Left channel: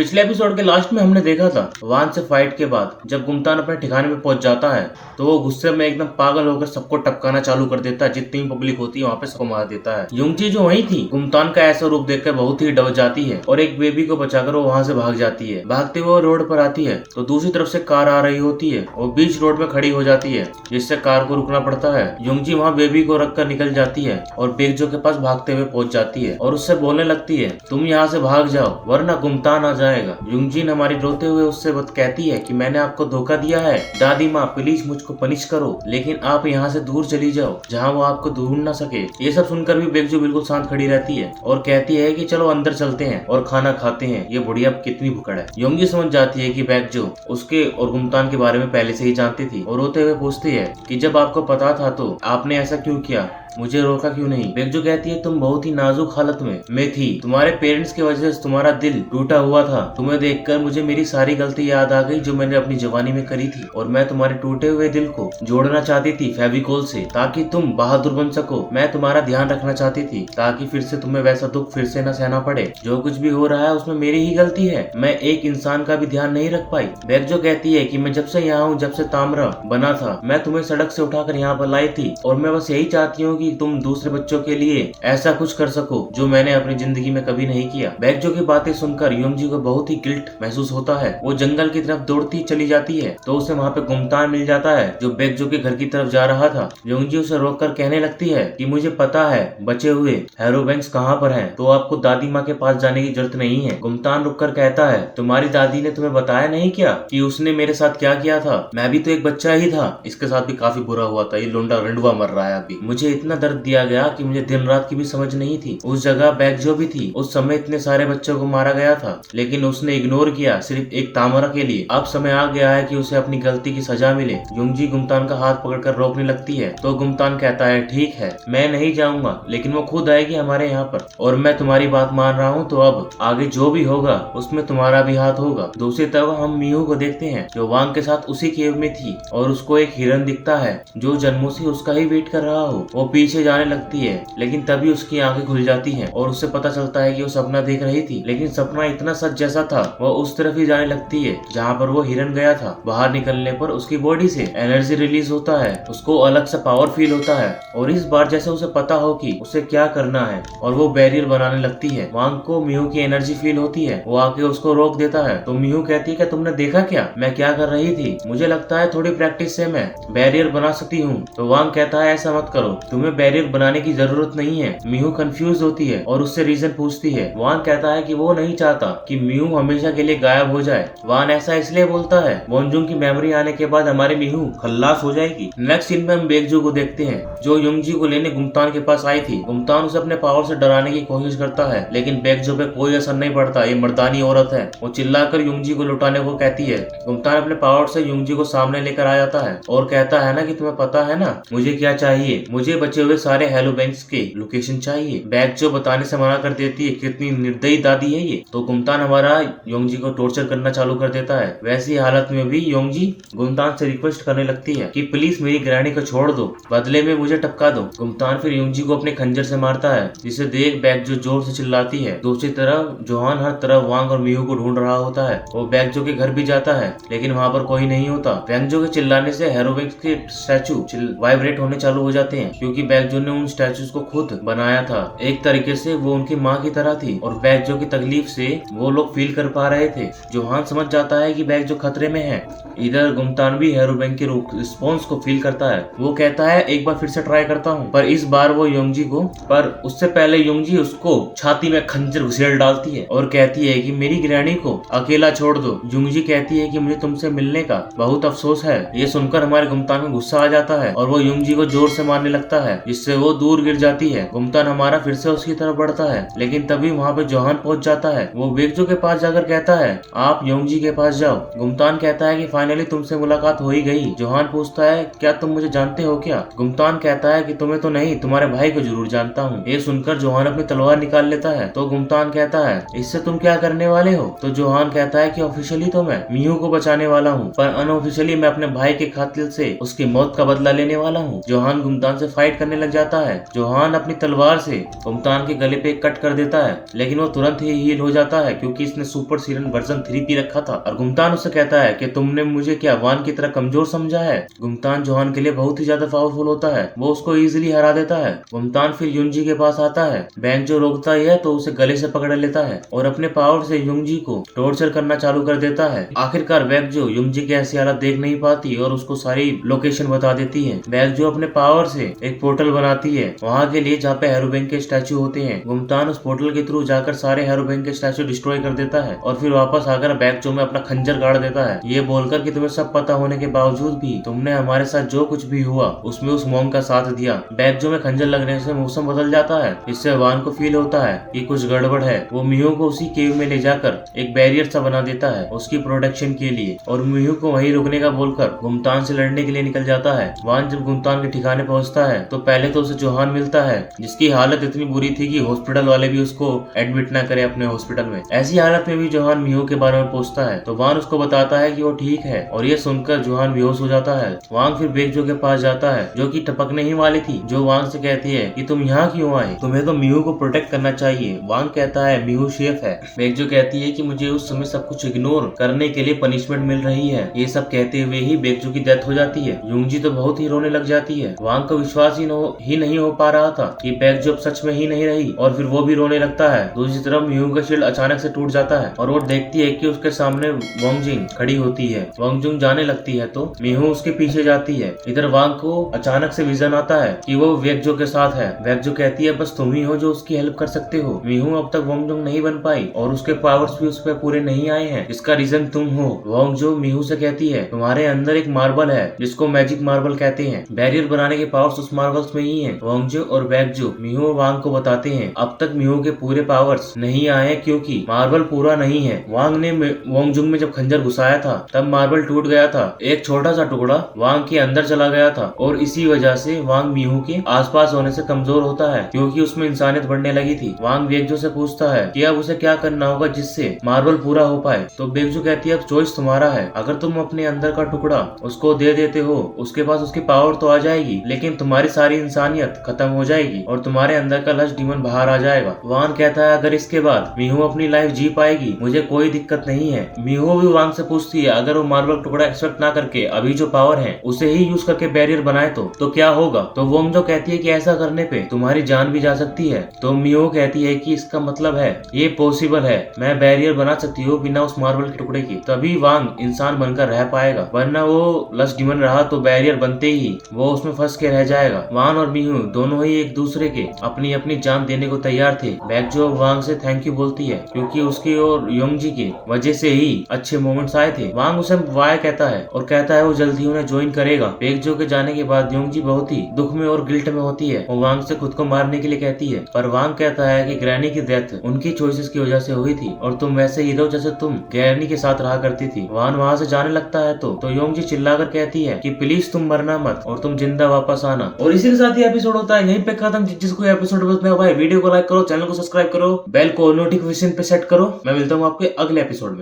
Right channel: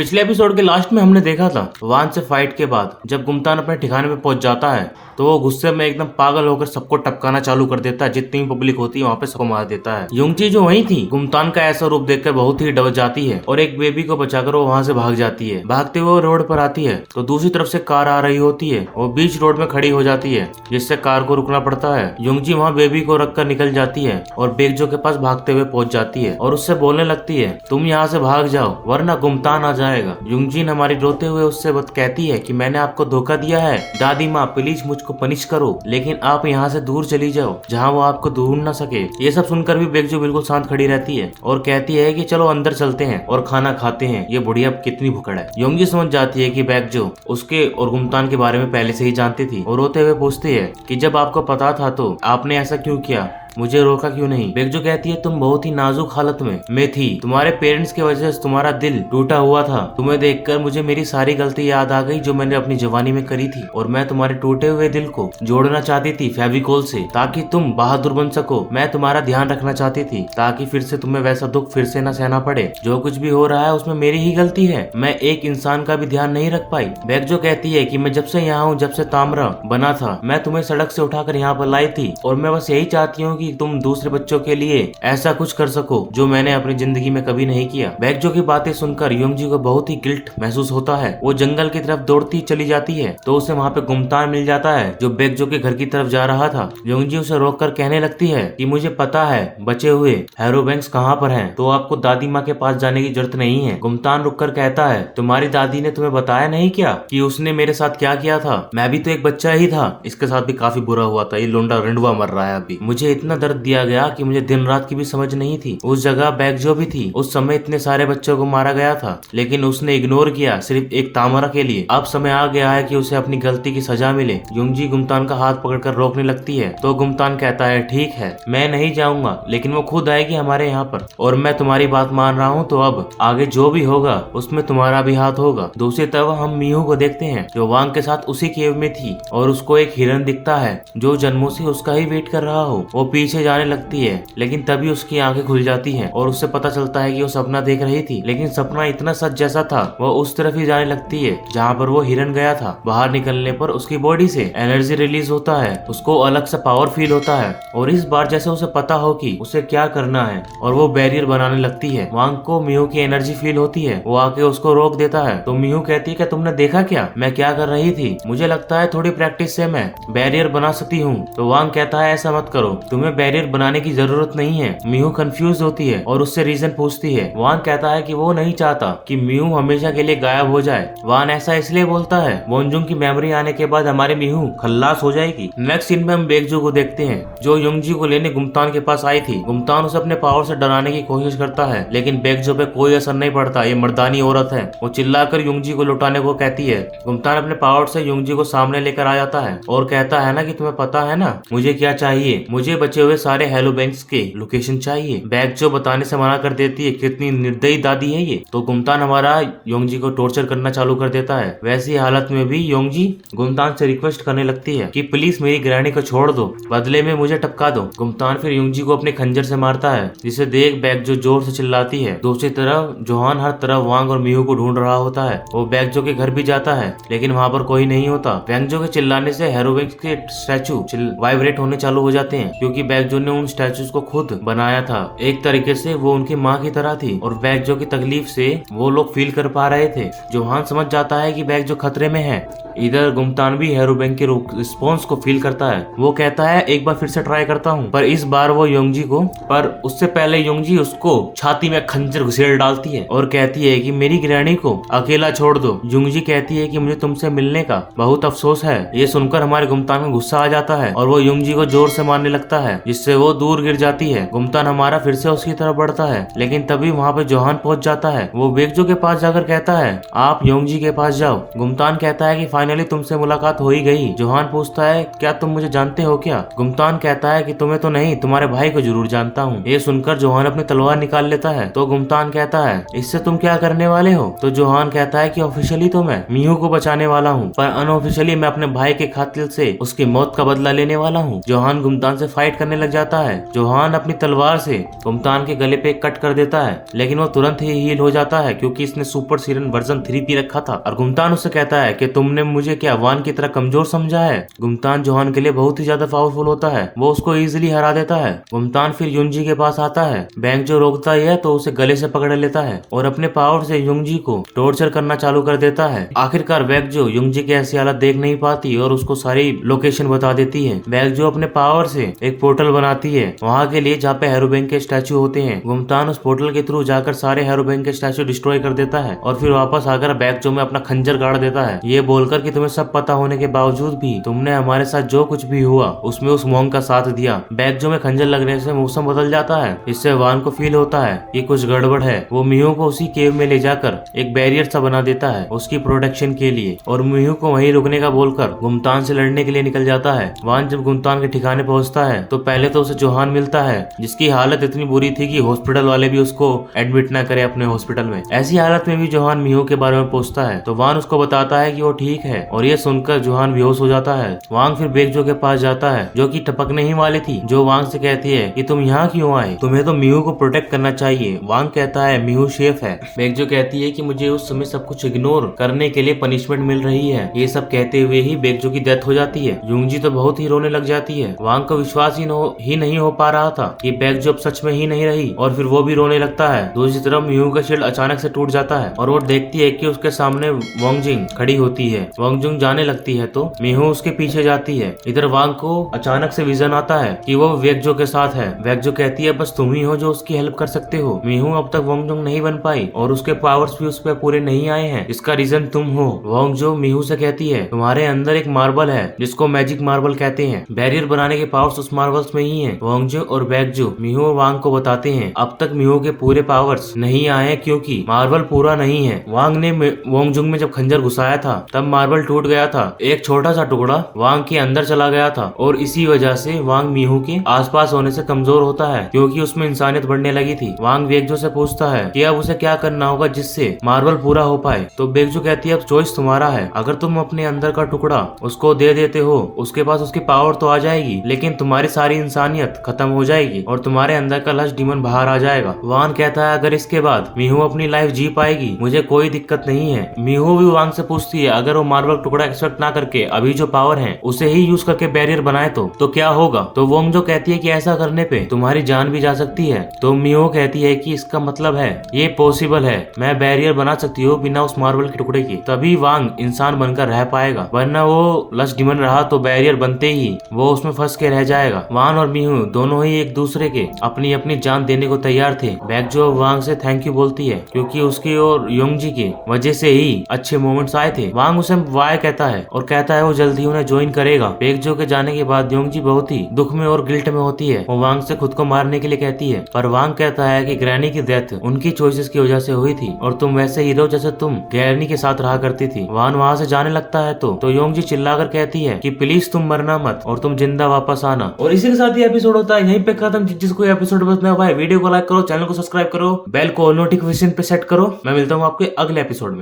पिछले एपिसोड के लास्ट में हमने देखा था वान से फाइट के बाद जब गुमतान अपने ठिकाने पे पहुंच जाता है तो वो गुस्से में एकदम पागल होकर सबको टपकाना चालू कर देता है। जितनी भी पब्लिक होती है वहाँ पे सबको मार देता है। युंगची जो वही थी गुमतान का ऐसा रूप देखकर बहुत ही डर जाती है और एक बेबी को बचाकर वो वहाँ से भाग जाती है। भागते हुए रोड पर आती है तो दूसरी तरफ से कार आ रही होती है और बीच रोड में खड़ी हो जाती है जिससे कार को रुकना पड़ता है। युंगची वहाँ बेबी को रख कर निकल जाती है और बेगजो के पास भागते हुए पहुंच जाती है और उससे बोलने लगती है तुम यहाँ से भाग जाओ वरना गुमतान आ जाएगा। युंगजिन हमारी रोते हुए उससे कहती है कि मैंने आपको धोखा दिया है दादी माँ, प्लीज मुझको पनिश करो लेकिन आप यहाँ से दूर चली जाओ जहाँ वो आपको ढूंढ न सके। ये सब सुनकर भी बेगजो बिल्कुल शांत खड़ी रहती है और कहती है कि चलो अंदर चलते हैं और खाना खाते हैं, ये बुढ़िया कितनी भुक्कड़ है। योंगी समझ जाती है कि बेगजो उसके और गुमतान के बारे में पहले से ही जानती थी और रोते हुए पूछती है कि जब आपको पता था तो आपने ऐसा क्यों किया, मुझे रोका क्यों नहीं। बेगजो कहती है तुम बहुत ही नाजुक हालत में थी, तुम्हारे पेरेंट्स की वजह से तुम्हारा दिल टूटा हुआ था। तुम्हें देखकर मुझे मेरी सारी गलती याद आ गई जो मैंने अपनी जवानी में करी थी और मैं तुम्हारे टूटे हुए दिल को जोड़ना चाहती थी फेविकोल से ताकि तुम बहादुर बन सको। मैं तुम्हारा ध्यान रखना चाहती थी ताकि फिर से तुम्हें वैसा दुख फिर से न सहना पड़े। जो कुछ भी हो रहा है उसमें मेरी ही गलती है, मैं एक इंसान का भी ध्यान नहीं रख पाई। बेगजो कहती है कि मैं जब से यहाँ हूँ, जब से तामरा बना था, मैं तुम्हें सड़क से उठाकर यहाँ पर लाई थी और मैं बस यही चाहती हूँ कि तुम दूसरे बच्चों के लिए ऐसा कुछ कर सको जो मैंने अपनी जिंदगी में कभी नहीं किया। बेगजो की बातें सुनकर युंगजी को बहुत ही गिल्ट महसूस होता है। वो जंगल की तरफ दौड़ती चली जाती है तो उसे वहाँ पे गुमतान मिल जाता है जो बेगजो के घर की तरफ जा रहा था। युंगजी उसे रोककर कहने लगती है कि मुझे पता है बचे हुए हैरोबैंक्स कहाँ पर हैं, तो आपको दादी माँ के पास जाने की जरूरत नहीं है। गुमतान रुककर कहता है तुम्हारी दादी ने तुम्हें बताया नहीं क्या कि उसने मेरे साथ क्या किया था, मैं भी तो एक बच्चा ही था, इसके साथ भी काफी बुरा हुआ था, ये लोंडा रंडुआ मर रहा है अभी। मुझे इतना दर्द दिया गया कि मुझे दिन रात की भी समझ नहीं थी। उस जगह बेगजो भी थी, उस समय इतने सारे बच्चों को मारा गया था लेकिन उसने इग्नोर किया सिर्फ एक तामरा के लिए। अब समय आ गया है कि उसे अपनी गलती की सजा मिले। युंगजी गुमतान का हाथ पकड़कर रोकने लगती है तो गुमतान कहता है ठीक है मैं नहीं जाऊंगा लेकिन वो खुद आएगी हमारे यहाँ पर और मैं तुम्हारी बात मान रहा हूँ, तो अब आगे जो भी होगा उसमें तुम्हारा भी हाथ होगा। दूसरी तरफ हम मिहू को देखते हैं जो वांग के साथ उसी केव में थी और उसको एक हिरन दिखता है जो जन्मों से उसका ही वेट कर रहा हो। वो पीछे जाने लगती है लेकिन तभी उसकी आंखें खुल जाती हैं और उससे पता चलता है कि वो सपना देख रही थी लेकिन सपना इतना सच जैसा था। वो उस तरफ ही जाने लगती है जहाँ पर वो हिरन गया था। बाहर निकलने पर उसकी बॉडी से एनर्जी रिलीज होता है, उसको अलग सा पावर फील होता है और इस बार जैसे उसे पता हो कि उसे क्या करना है और वो बैरियर बनाने लगती है। वांग को मिहू की एनर्जी फील होती है, वो आके उसको रोक देता है तो मिहू कहती है कि तुमने देखा क्या मैं क्या कर रही थी, मुझे लगता है थोड़ी प्रैक्टिस से मैं बैरियर बना सकती हूँ। तो वांग कहता है ऐसा मत करो, तुम्हें बैरियर बनाने की जरूरत नहीं है। मिहू कंफ्यूज होती है और उससे रीजन पूछती है। वान कहता है कि वो नहीं चाहता कि मिहू हमेशा के लिए गायब हो जाए। वान ऐसा इसलिए बोलता है बोनजुंग की मेमोरी आने के बाद हमारे मिहू खल्लास हो जाएगी। नेक्स्ट सीन में हम बेगजो को देखते हैं जो युंगजी को लेने गुमतान के पास आई थी। गुमतान उसे अपने पावर से डराने की कोशिश करता है लेकिन बेगजो पे कोई असर नहीं पड़ता, ये मर्दानी औरत है। वो चिल्लाकर युंगजी को लुटाने को कहती है। गुमतान अपने पावर से युंगजी को सामने लेकर आ जाता है और कहता है ना कि तुम्हें पता है ना मुझे क्या चाहिए, मुझे बचे हुए सारे हैलोबैंक्स के लोकेशन चाहिए। बेगजो बताने से मना कर देती है, कितनी निर्दयी दादी है ये। तो गुमतान हमारा योंगजी को टॉर्चर करना चालू कर देता है। वैसी हालत में भी योंगजी गुमतान से रिक्वेस्ट करने लगती है कि प्लीज मेरी ग्रैनी को छोड़ दो, बदले में मुझे टपका दो। गुमतान फिर योंगजी को अपने खंजर से मारता है जिसे देख बेगजो जोर से चिल्लाती है। दूसरी तरफ जोहान हर तरफ वांग और मिहू को ढूंढ रहा होता है। वो बेगजो के घर भी जाता है लेकिन वहाँ पर कोई नहीं होता। बेगजो के चिल्लाने से हैरोबैंक्स के स्टैचू वाइब्रेट होने चालू हो जाते हैं क्योंकि बेगजो ने उन स्टैचूज को खुद बनाया था। एक तरीके से वो उनकी माँ की तरह थी और बेगजो की तकलीफ से वो लोग फील कर पा रहे थे। जोहान समझ जाता है कि बेगजो खतरे में है। इधर गुमतान भी हैरोबैंक के रिस्पॉन्स को फील करता है। वो कहता है एक बार फिर से ट्राई करता हूँ, पर इस बार वो योंगजी को, पर उससे पहले योंगजी उसको छाती में खंजर घुसेड़ डालती है और कहती है कि मेरी ग्रैनी को अकेला छोड़ दो। योंगजी कहती है कि मुझे तुमसे मिलने का बहुत अफसोस है। ये सुनकर हमारे गुमतान में गुस्सा आ जाता है और वो योंगजी को जोर से मारने लगता है जिससे वो दूर गिर जाती है। गुमतान हमारा फिर से उसकी तरफ बढ़ता है लेकिन तभी वहाँ पे जोहान पहुंच जाता है। वो बेगजो के पास जाकर कहता है आप योंगजी के पास जाओ। गुमतान कहता है कि फाइनली तुमसे मुलाकात हो ही गई। जोहान पूछता है क्या तुम मुझे जानते हो क्या। गुमतान कहता है कि तुम्हें तो नहीं, तुम्हारे भाई को जरूर जानता हूँ। ये सुनकर जोहान अपनी तलवार निकाल लेता है तो गुमतान कहता है इससे तुम क्या करने वाले हो। तो जोहान कहता है कि ऑफिशियली तो मैं मिहू को बचाने वाला हूँ पर अनऑफिशियली मैं अपने भाई के कातिल से उसकी मौत का बदला लेने वाला हूँ। जोहान गुमतान से फाइट करने लग जाता है। जोहान अपनी तलवार से गुमतान के गले पे कट कर देता है, लेकिन वो तुरंत ही हील हो जाता है क्योंकि इसने सुपर सीरन वर्जन 3 पी रखा था। और गुमतान उससे कहता है कि तुमने मुझे क्या वान की तरह कमजोर समझा है। गुमतान जोहान के लिए बहुत ही ज्यादा पावरफुल होता है, वो उसको इजिली हरा देता है। गुमतान फिर युंजी के पास आता है। बैंक जो रोकता ही है तो उसे गले से पकड़ लेता है और अपने पावर से युंजी को टॉर्चर करना चालू कर देता है। आखिरकार बैकजो युंजी की ऐसी हालत देख नहीं पाती और उसको सारी लोकेशन बता देती है। बैकजो अपने पावर से एक पोर्टल बनाती है वहाँ के लिए जहाँ पे हेरोबैंक के स्टैचू होते हैं। गुमतान उस पोर्टल के थ्रू जाकर सारे हेरोबैंक के स्टैचू डिस्ट्रॉय कर देता है और फिर वापस आकर बैकजो में अपना खंजर गाड़ देता है, ये बोलकर कि तुम्हें सब पता होने के बावजूद भी तुमने हमारे साथ जो कुछ भी हुआ उसमें उस मॉन्क का साथ दिया। बैकजो में खंजर लगने से मौसम बदल जाता है। इससे वान को फील होता है कि कुछ गड़बड़ है। वो मिहू को उसी केव में ले जाकर एक बैरियर सा बना देता है उसकी प्रोटेक्शन के लिए और मिहू को वहीं रुकने का बोलकर गुमतान से लड़ने के लिए निकल जाता है। वान जब गुमतान के ठिकाने पहुंचता है तो पहले तो उसे जोहान मिलता है जिसकी हालत इतनी बुरी थी कि हॉस्पिटल वाले भी उसको एडमिट न करे अपने हॉस्पिटल में। ऐसी हालत में भी जोहान मिहू के बारे में पूछता है तो वान उसको बताता है कि वो ठीक है और ये सुनकर जोहान बेहोश हो जाता है। वांग फिर बेकजो के पास जाता है जो कि टपकने ही वाली थी। जो वांग से कहती है कि तुम यहाँ क्यों आए, तुम्हें तो मिहू को प्रोटेक्ट करना चाहिए। वांग कहता है मिहू शेफ है। बेकजो कहती है कि मुझे उस समय सब कुछ इग्नोर करने के लिए पनिशमेंट मिल रही है। ये सब कहते हुए ही बेकजो की डेथ हो जाती है। युंगजी तो बहुत ही रोने लग जाती है। वांग को विश्वास ही नहीं हो पा रहा था कि बेकजो अब सच में ही नहीं रही और फिर वो भी रोने लगता है। दूसरी तरफ मिहू का शील्ड अचानक से टूट जाता है और वो देखती है कि उसके सामने वांगजिंग खड़ी होती है। वांगजिंग जाने लगती है तो मिहू उसके पीछे जाती है। इधर वांग को अचानक से विजन आता है कि वो वेकजो के साथ है। वेकजो कहती है बस तुम ही हो जो उसकी हेल्प कर सकते हो। मिहू अब तक वांगजुंग नहीं बन पाई और उसके पावर्स भी उस पर पूरे नहीं आए हैं, इसका रीजन तुम हो। वांगजो मिहू से कहती है तुम्हारे अंदर एक मार्बल है जिसको मैजिक मार्बल कहते हैं। बैरियर बनाने के पावर्स उस मार्बल्स में ही है। वांगजो और वेकजो मिहू वांग को बताते हैं अब तक मिहू के पूरे पावर्स नहीं आए क्योंकि मार्बल पूरा नहीं है। वांग ने वांगजुंग में जब खंजर घुसाया था तब मार्बल टूट गया था, एक छोटा सा टुकड़ा वांग के अंदर चला गया था और इसी वजह से वांग मिहू के आसपास होने से कमजोर होता है क्योंकि उसमें इंसानियत बढ़ने लगी थी। वांग बेकजो से पूछता है कि अब उसे क्या करना होगा जिससे मार्बल पूरा हो पाए। तो बेकजो कहती है अब चॉइस तुम्हारा है, अगर तुम अपने अंदर का टुकड़ा उसको दे देते हो उसके पास उसकी पावर तो आ जाएगी लेकिन तुम्हारी सारी इंसानियत खत्म हो जाएगी और तुम्हारे अंदर का लस्ट डीमन बाहर आ जाएगा। वांग कहता है अगर इसके बाद मिहू अपनी लाइफ जी पाएगी मुझे कोई दिक्कत नहीं है। मिहू भी वांग से पूछती है अगर वो मार्बल टुकड़ा एक्सपेक्ट ना करके अभी जो पावर है उसे ही यूज करके बैरियर बनाए तो क्या होगा। तो वांगजो कहती है कि ऐसा करने पे तुम्हारी जान भी जा सकती है। तो मिहू कहती है कि इसका मतलब है ये पॉसिबल है, मैं बैरियर बना सकती हूँ बिना उस मार्बल के टुकड़े की, तभी वांग इंसान बनकर रह पाएगा, वरना वो लस्ट डीमन रहा तो बैरियर बनते ही वो उसमें फंस के रह जाएगा। वांग और मिहू दोनों ही एक दूसरे के अपनी अपनी जान देने को तैयार थे। बेकजो वांग से थैंक यू बोलती है क्योंकि उसकी और योंगजी की वजह से ही अच्छे मोमेंट्स आए थे। वांग उसे वाय कहता है और कहता है वो जल्दी उन्हें ज्वाइन करेगा। बेकजो के जाने के बाद योंगजी बहुत ही दुख में और गिल्ट में होती है। वो वांग से खुद को मारने के लिए कहती है पर वांग कहता है कि ग्रैनी की डेथ उनकी चॉइसेस की वजह से हुई थी और तुम वैसे हीरो जैसे तुम ग्रैनी के साथ रहा करती थी। वान वहाँ से जाने लगता है तो योंगजी चिल्लाकर कहती है कि प्लीज तुम मरना मत और तुम जिंदा वापस आना। और इसी के साथ ये एपिसोड होता है यहीं पे खत्म। जिसको एपिसोड पसंद है भाई वीडियो को लाइक करो, चैनल को सब्सक्राइब करो, बेल को नोटिफिकेशन पे सेट करो। मैं मिलता हूँ आपके अगले एपिसोड में।